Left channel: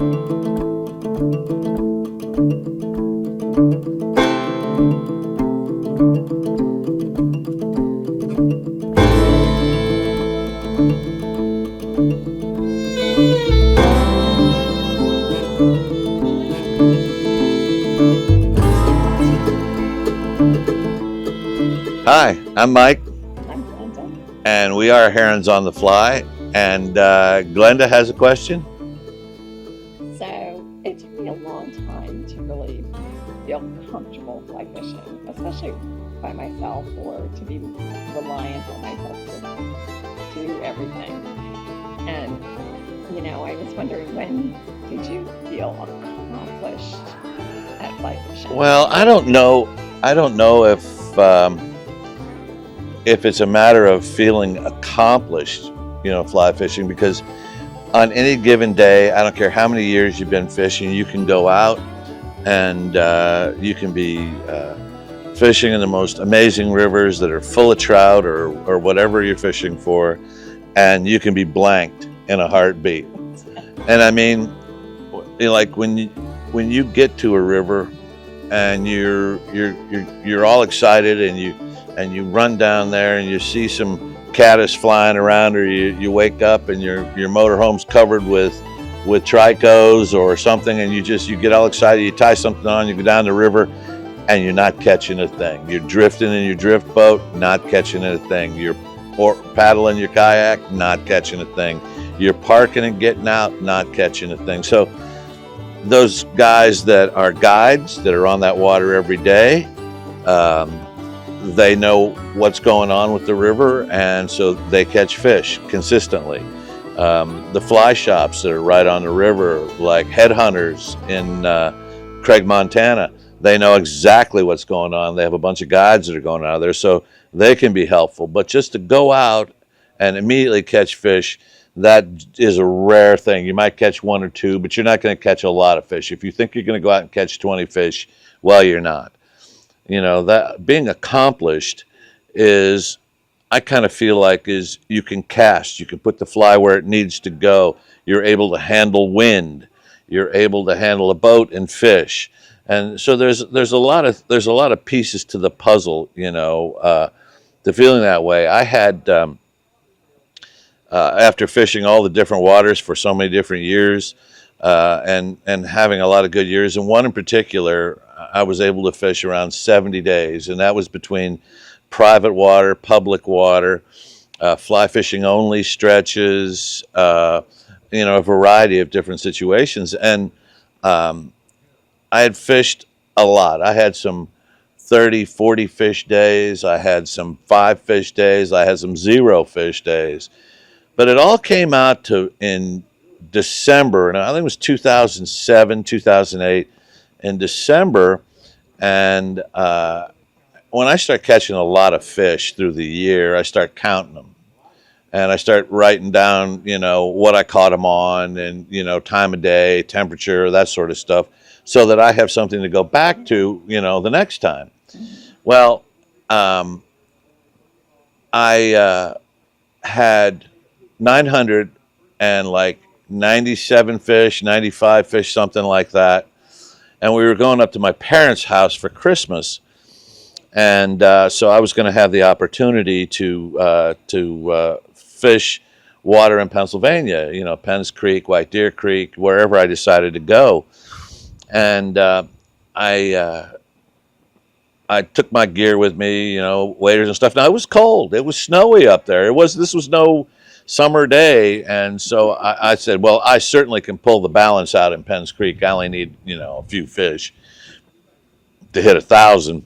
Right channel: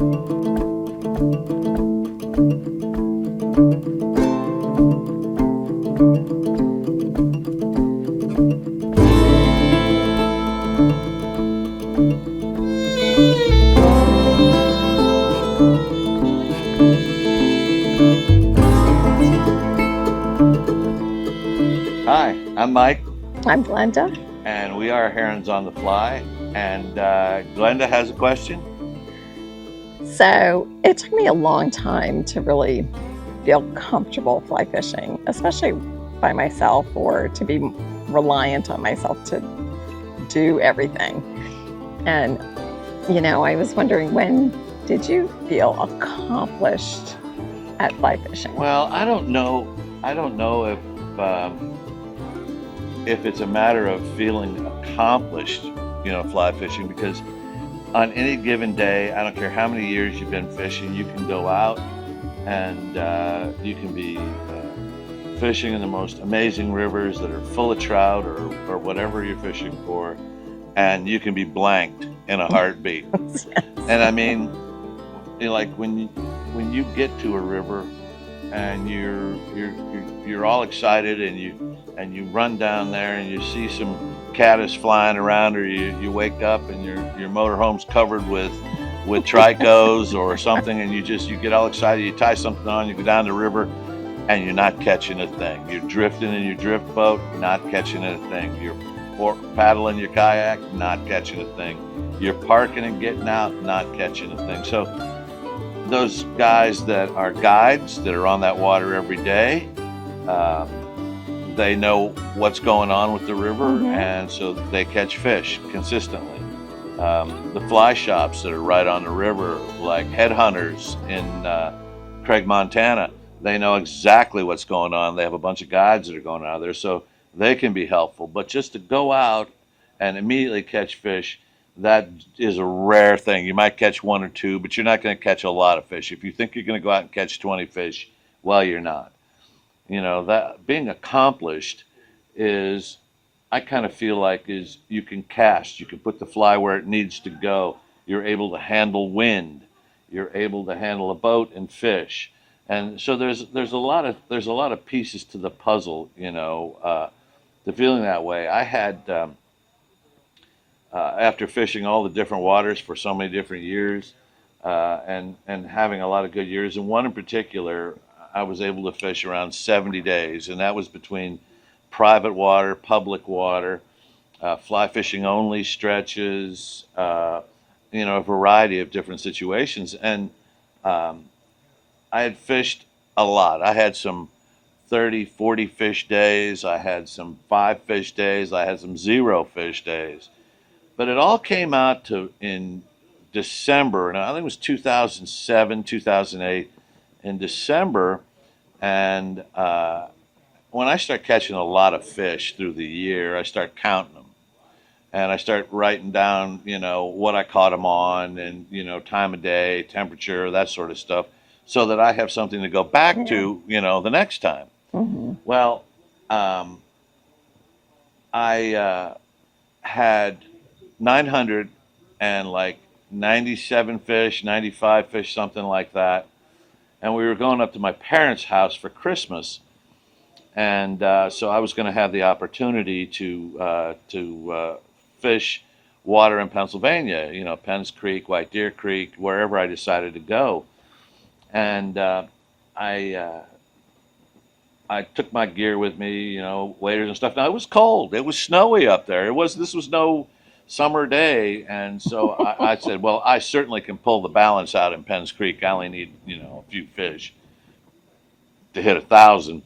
Hi, I'm Mike. I'm Glenda. And we are Herons on the Fly. And Glenda has a question. So it took me a long time to really feel comfortable fly fishing, especially by myself, or to be reliant on myself to do everything. And, I was wondering, when did you feel accomplished at fly fishing? Well, I don't know if it's a matter of feeling accomplished, fly fishing, because on any given day, I don't care how many years you've been fishing, you can go out and you can be fishing in the most amazing rivers that are full of trout or whatever you're fishing for, and you can be blanked in a heartbeat. And I mean, like when you get to a river and you're all excited and you run down there and you see some caddis flying around, or you wake up and your motorhome's covered with tricos or something, and you get all excited, you tie something on, you go down the river and you're not catching a thing. You're drifting in your drift boat, not catching a thing. You're paddling your kayak, not catching a thing. You're parking and getting out, not catching a thing. So those guys that are guides, that are on that water every day, they know what's going on with the river, and so they catch fish consistently. The fly shops that are right on the river, like Headhunters in Craig, Montana, they know exactly what's going on. They have a bunch of guides that are going out there, so they can be helpful. But just to go out and immediately catch fish, that is a rare thing. You might catch one or two, but you're not going to catch a lot of fish. If you think you're going to go out and catch 20 fish, well, you're not. That being accomplished is, I kind of feel like, is you can cast, you can put the fly where it needs to go. You're able to handle wind. You're able to handle a boat and fish. And so there's a lot of pieces to the puzzle, to feeling that way. I had, after fishing all the different waters for so many different years, and having a lot of good years, and one in particular, I was able to fish around 70 days, and that was between private water, public water, fly fishing only stretches, a variety of different situations. And I had fished a lot. I had some 30, 40 fish days. I had some 5 fish days. I had some 0 fish days. But it all came out to in December, and I think it was 2007, 2008, in December. And when I start catching a lot of fish through the year, I start counting them. And I start writing down, what I caught them on, and, time of day, temperature, that sort of stuff, so that I have something to go back to, the next time. Mm-hmm. Well, I had 997 fish, 95 fish, something like that. And we were going up to my parents' house for Christmas. And so I was going to have the opportunity to fish water in Pennsylvania, Penns Creek, White Deer Creek, wherever I decided to go. And I took my gear with me, waders and stuff. Now, it was cold. It was snowy up there. This was no summer day. And so I said, well, I certainly can pull the balance out in Penns Creek. I only need, a few fish to hit 1,000,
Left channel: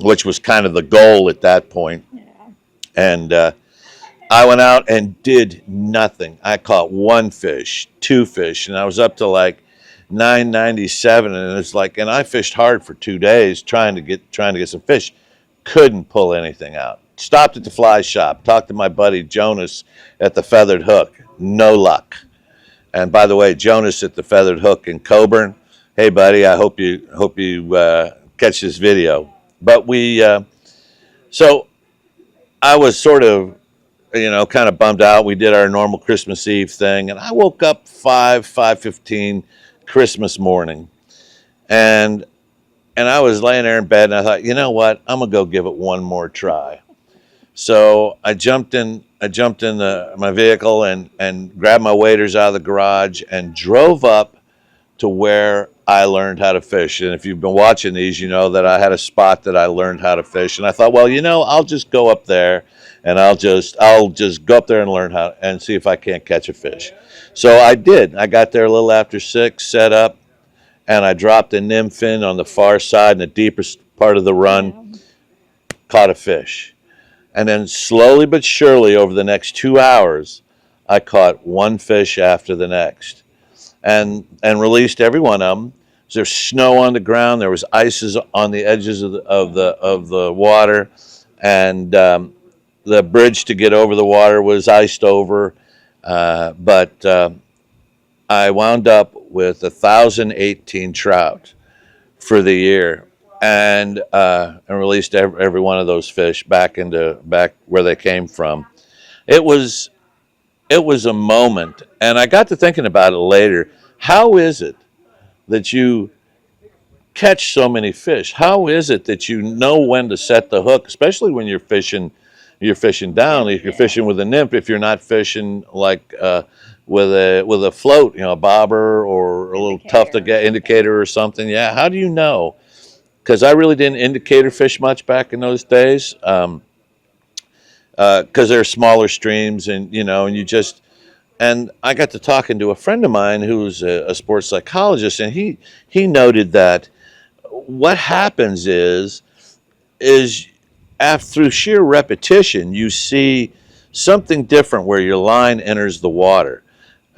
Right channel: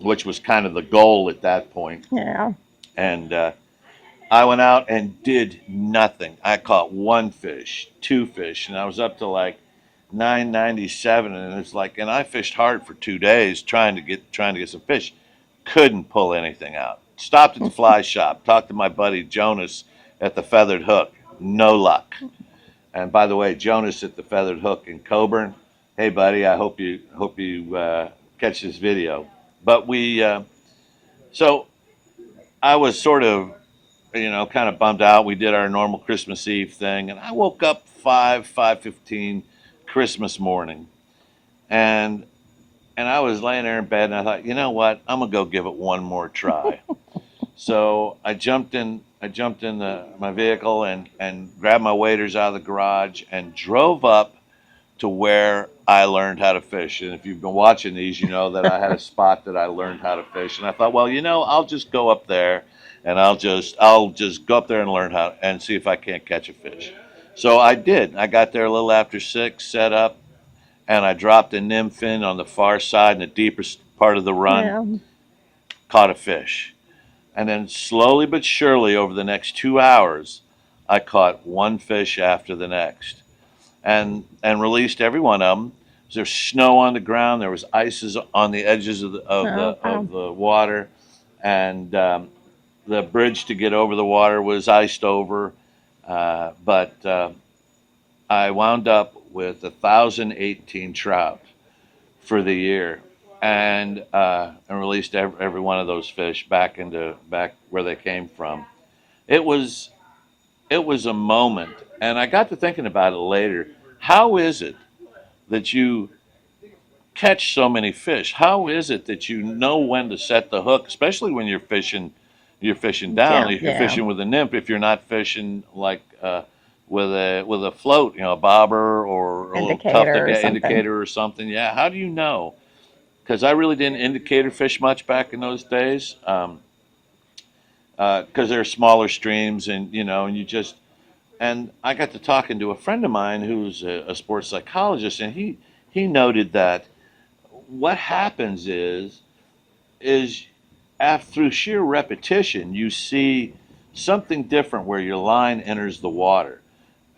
which was kind of the goal at that point. Yeah. And I went out and did nothing. I caught 1 fish, 2 fish, and I was up to like 997, and it's like, and I fished hard for 2 days trying to get some fish. Couldn't pull anything out. Stopped at the fly shop, talked to my buddy Jonas at the Feathered Hook. No luck. And by the way, Jonas at the Feathered Hook in Coburn, hey buddy, I hope you catch this video. But so I was sort of kind of bummed out. We did our normal Christmas Eve thing, and I woke up 5:15 Christmas morning, and I was laying there in bed, and I thought, you know what, I'm gonna go give it one more try. So I jumped in. My vehicle and grabbed my waders out of the garage and drove up to where I learned how to fish. And if you've been watching these, you know that I had a spot that I learned how to fish. And I thought, well, I'll just go up there and I'll just go up there and learn how and see if I can't catch a fish. So I did. I got there a little after 6, set up, and I dropped a nymph in on the far side in the deepest part of the run, Yeah. caught a fish. And then slowly but surely over the next 2 hours, I caught one fish after the next, and released every one of them. There's snow on the ground. There was ices on the edges of the water, and the bridge to get over the water was iced over. But I wound up with 1,018 trout for the year, and released every one of those fish back where they came from. It was a moment, and I got to thinking about it later. How is it that you catch so many fish? How is it that you know when to set the hook, especially when you're fishing down? If you're fishing with a nymph, if you're not fishing like with a float, a bobber or a little tough to get indicator or something. Yeah, how do you know? Because I really didn't indicator fish much back in those days, because they're smaller streams, and and I got to talking to a friend of mine who's a sports psychologist, and he noted that what happens is through sheer repetition, you see something different where your line enters the water.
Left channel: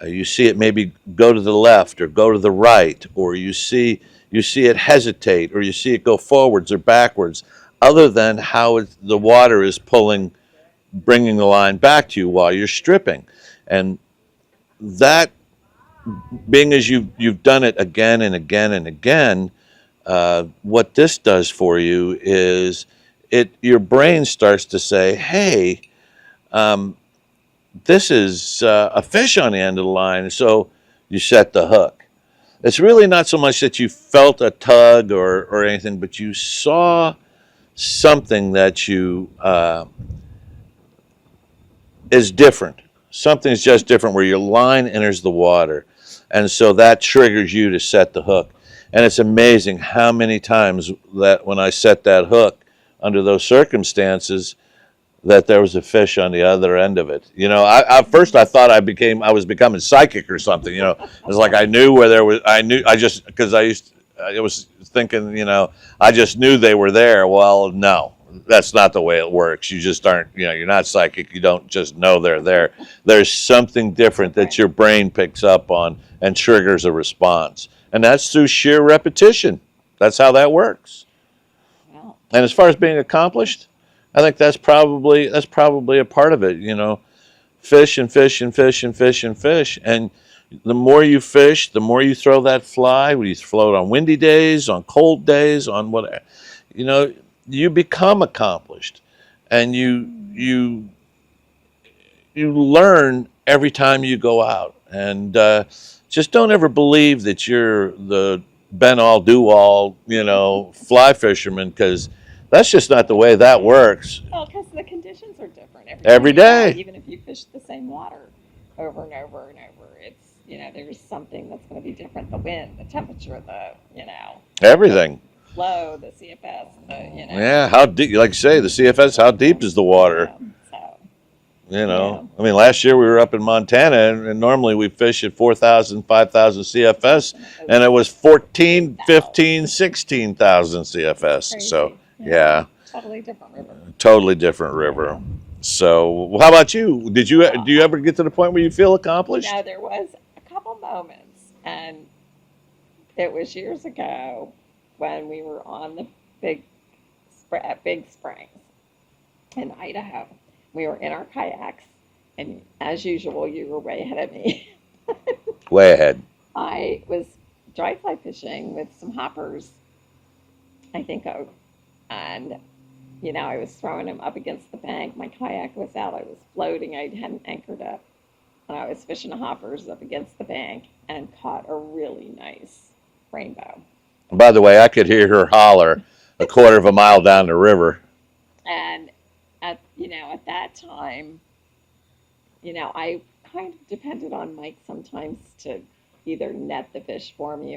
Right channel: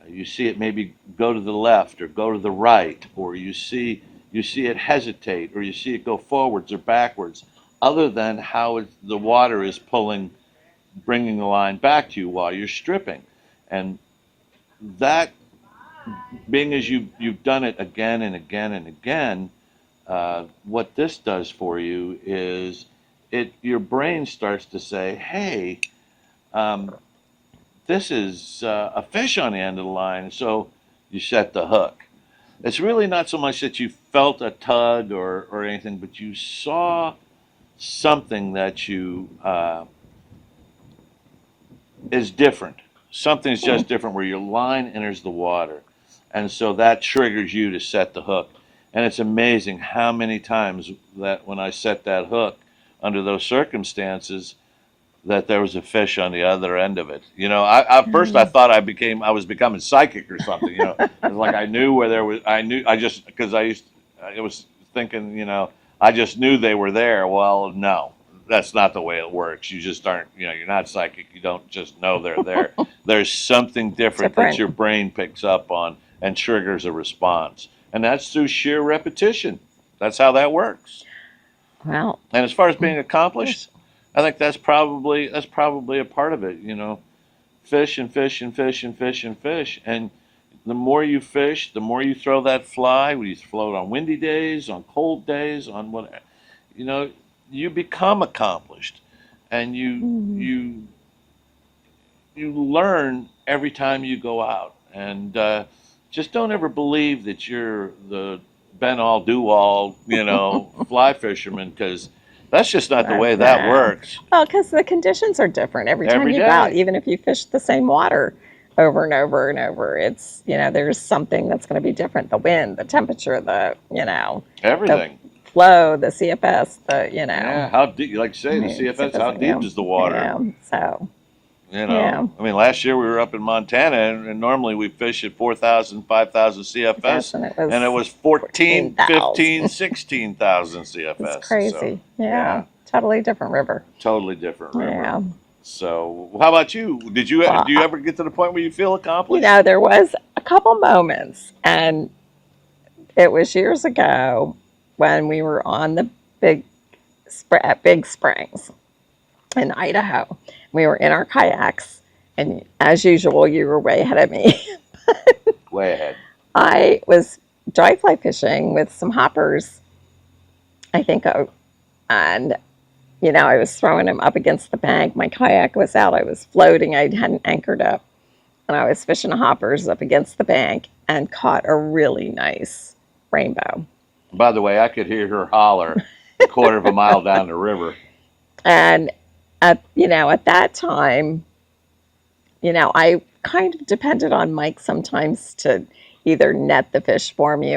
You see it maybe go to the left or go to the right, or you see it hesitate, or you see it go forwards or backwards, other than how the water is bringing the line back to you while you're stripping. And that, being as you've done it again and again and again, what this does for you is your brain starts to say, hey, this is a fish on the end of the line, so you set the hook. It's really not so much that you felt a tug or anything, but you saw something that is different. Something's just different where your line enters the water. And so that triggers you to set the hook. And it's amazing how many times that when I set that hook under those circumstances, that there was a fish on the other end of it. At first I thought I was becoming psychic or something. It was like I knew where there was. I was thinking, I just knew they were there. Well, no, that's not the way it works. You just aren't. You're not psychic. You don't just know they're there. There's something different that your brain picks up on and triggers a response, and that's through sheer repetition. That's how that works. Wow. And as far as being accomplished, I think that's probably a part of it. Fish and fish and fish and fish and fish, and the more you fish, the more you throw that fly. When you float on windy days, on cold days, on whatever, you become accomplished, and you learn every time you go out. And just don't ever believe that you're the Ben all do all, fly fisherman, because that's just not the way that works. Well, because the conditions are different every time you go out, even if you fish the same water over and over and over. It's, there's something that's going to be different. The wind, the temperature, everything. The flow, the CFS, Yeah, how deep, like you say, the CFS, how deep is the water? So. I mean, last year we were up in Montana, and normally we fish at 4,000, 5,000 CFS, and it was 14, 15, 16,000 CFS. It's crazy. So, Totally different river. Totally different river. Yeah. So, how about you? Do you ever get to the point where you feel accomplished? There was a couple moments, and it was years ago when we were on the Big Springs in Idaho. We were in our kayaks, and as usual, you were way ahead of me. Way ahead. I was dry fly fishing with some hoppers, I think, and I was throwing him up against the bank. My kayak was out. I was floating. I hadn't anchored up. And I was fishing hoppers up against the bank and caught a really nice rainbow. By the way, I could hear her holler a quarter of a mile down the river. And at that time, I kind of depended on Mike sometimes to either net the fish for me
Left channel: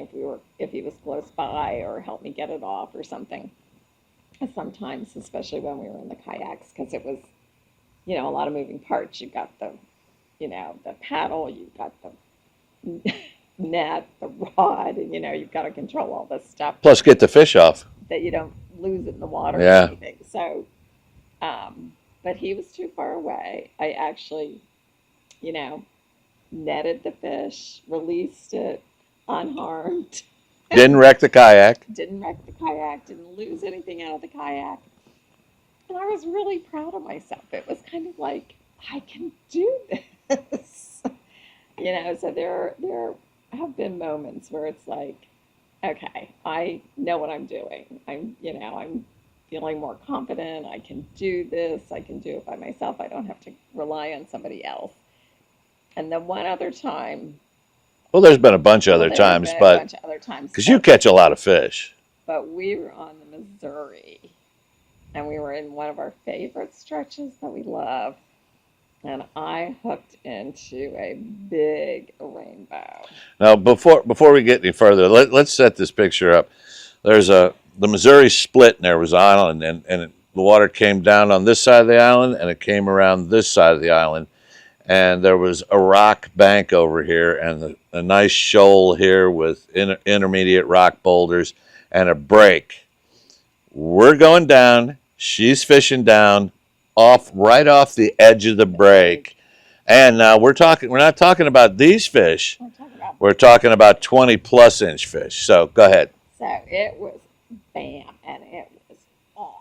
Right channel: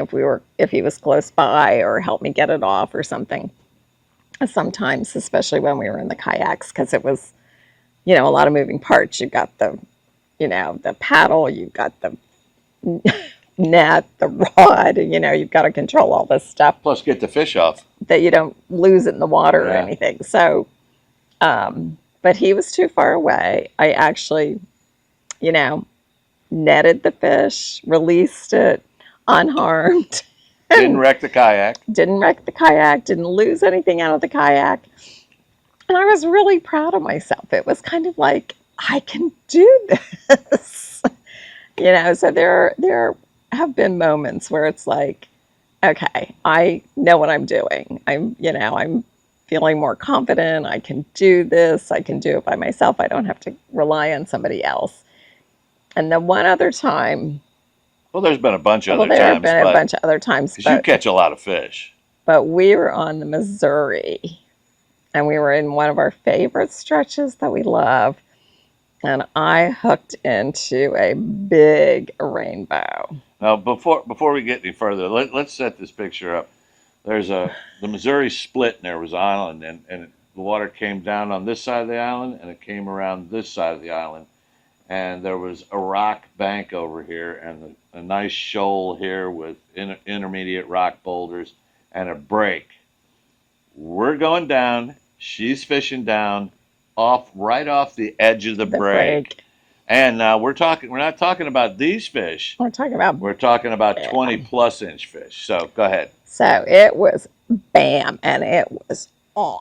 if he was close by, or help me get it off or something. Sometimes, especially when we were in the kayaks, because it was, a lot of moving parts. You've got the paddle, you've got the net, the rod, you've got to control all this stuff. Plus, get the fish off. That you don't lose it in the water or anything. So, but he was too far away. I actually, netted the fish, released it unharmed. Didn't wreck the kayak. Didn't lose anything out of the kayak. And I was really proud of myself. It was kind of like, I can do this. So there have been moments where it's like, okay, I know what I'm doing. I'm feeling more confident. I can do this. I can do it by myself. I don't have to rely on somebody else. And the one other time. Well, there's been a bunch of other times. There have been a bunch of other times. Because you catch a lot of fish. But we were on the Missouri, and we were in one of our favorite stretches that we love. And I hooked into a big rainbow. Now, before we get any further, let's set this picture up. There's the Missouri split, and there was an island, and the water came down on this side of the island, and it came around this side of the island. And there was a rock bank over here, and a nice shoal here with intermediate rock boulders and a break. We're going down. She's fishing down, right off the edge of the break. And now we're not talking about these fish. We're talking about 20+ inch fish. So go ahead. So it was bam, and it was on.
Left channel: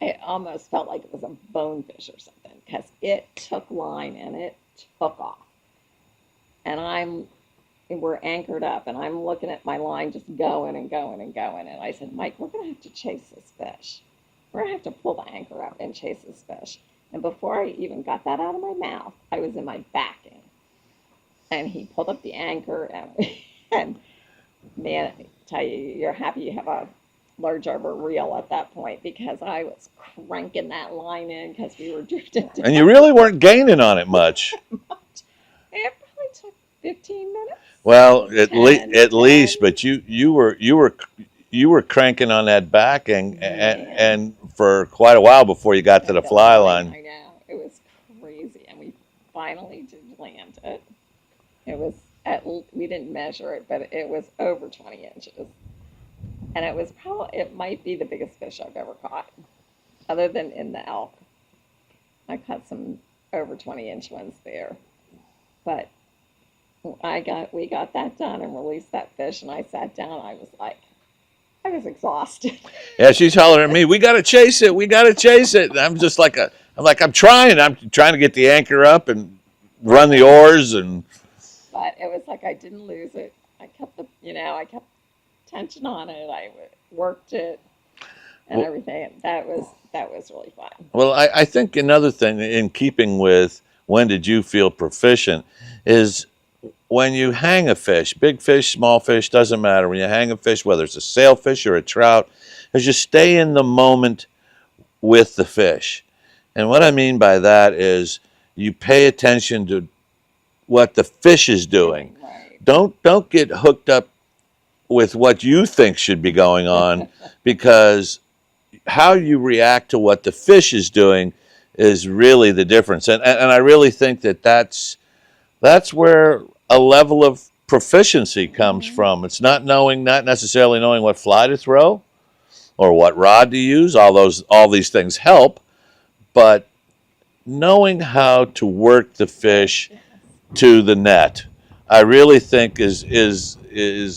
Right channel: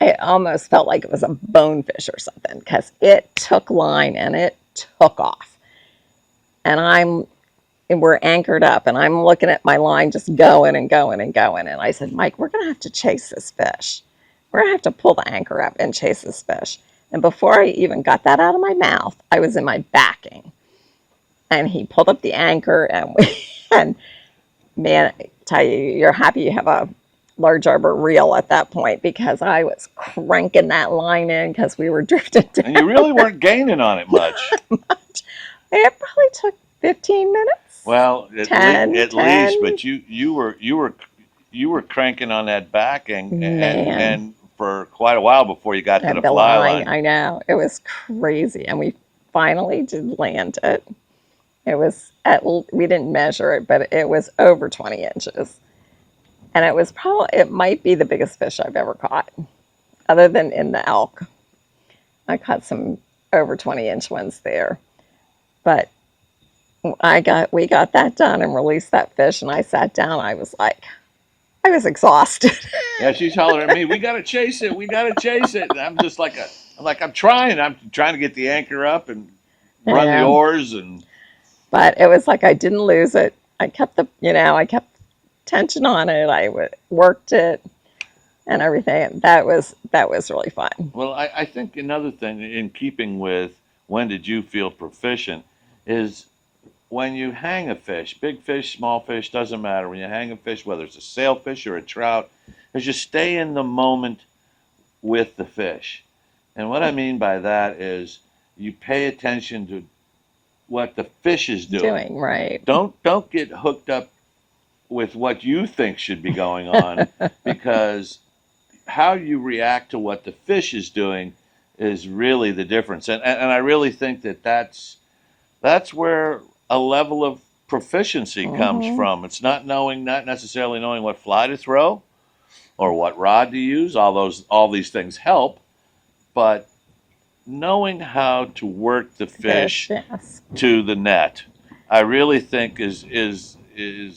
It almost felt like it was a bonefish or something, because it took line and it took off. And we're anchored up, and I'm looking at my line just going and going and going. And I said, Mike, we're going to have to chase this fish. We're going to have to pull the anchor up and chase this fish. And before I even got that out of my mouth, I was in my backing. And he pulled up the anchor, and man, I tell you, you're happy you have a large arbor reel at that point, because I was cranking that line in because we were drifting down. And you really weren't gaining on it much. It probably took 15 minutes. Well, at least, but you were cranking on that backing and for quite a while before you got to the fly line. I know, it was crazy, and we finally did land it. It was we didn't measure it, but it was over 20 inches. And it might be the biggest fish I've ever caught, other than in the elk. I caught some over 20-inch ones there. But we got that done and released that fish, and I sat down. I was exhausted. Yeah, she's hollering at me, we got to chase it. And I'm just I'm trying to get the anchor up and run the oars. But it was like I didn't lose it. I kept tension on it. I worked it and everything. And that was really fun. Well, I think another thing in keeping with when did you feel proficient is when you hang a fish, big fish, small fish, doesn't matter. When you hang a fish, whether it's a sailfish or a trout, is you stay in the moment with the fish. And what I mean by that is you pay attention to what the fish is doing. Right. Don't get hooked up with what you think should be going on, because how you react to what the fish is doing is really the difference. And I really think that's where a level of proficiency comes from. It's not necessarily knowing what fly to throw or what rod to use. All these things help, but knowing how to work the fish to the net, I really think is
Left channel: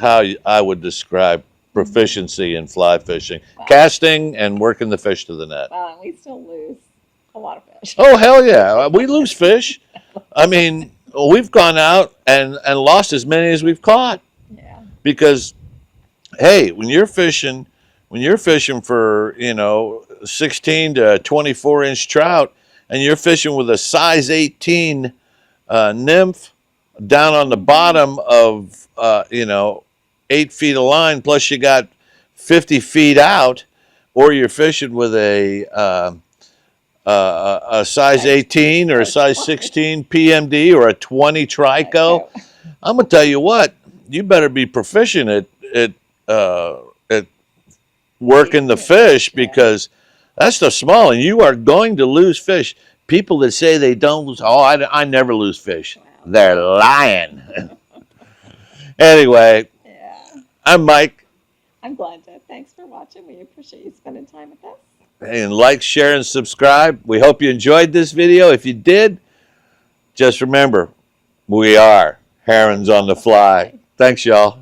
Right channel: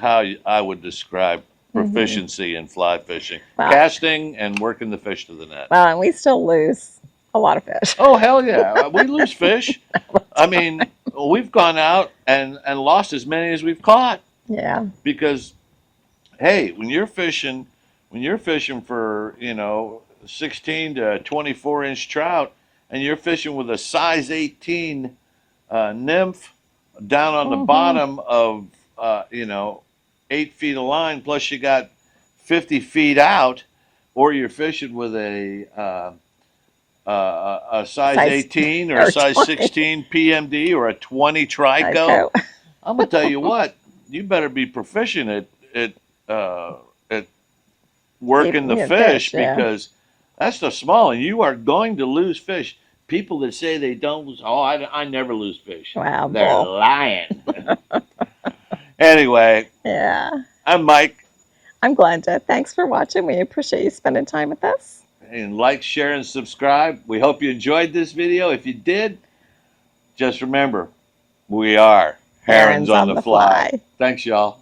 how I would describe proficiency in fly fishing. Wow. Casting and working the fish to the net. Well, and we still lose a lot of fish. Oh, hell yeah. We lose fish. I mean, we've gone out and lost as many as we've caught. Yeah. Because, hey, when you're fishing for, 16 to 24-inch trout, and you're fishing with a size 18 nymph down on the bottom of 8 feet of line, plus you got 50 feet out, or you're fishing with a size 18 or a size 20. 16 PMD or a 20 trico. I'm gonna tell you what, you better be proficient at working the fish, because that's the small, and you are going to lose fish. People that say they don't lose, I never lose fish. Wow, they're lying. Anyway, I'm Mike. I'm Glenda. Thanks for watching. We appreciate you spending time with us. And like, share, and subscribe. We hope you enjoyed this video. If you did, just remember, we are Herons on the Fly. Thanks, y'all.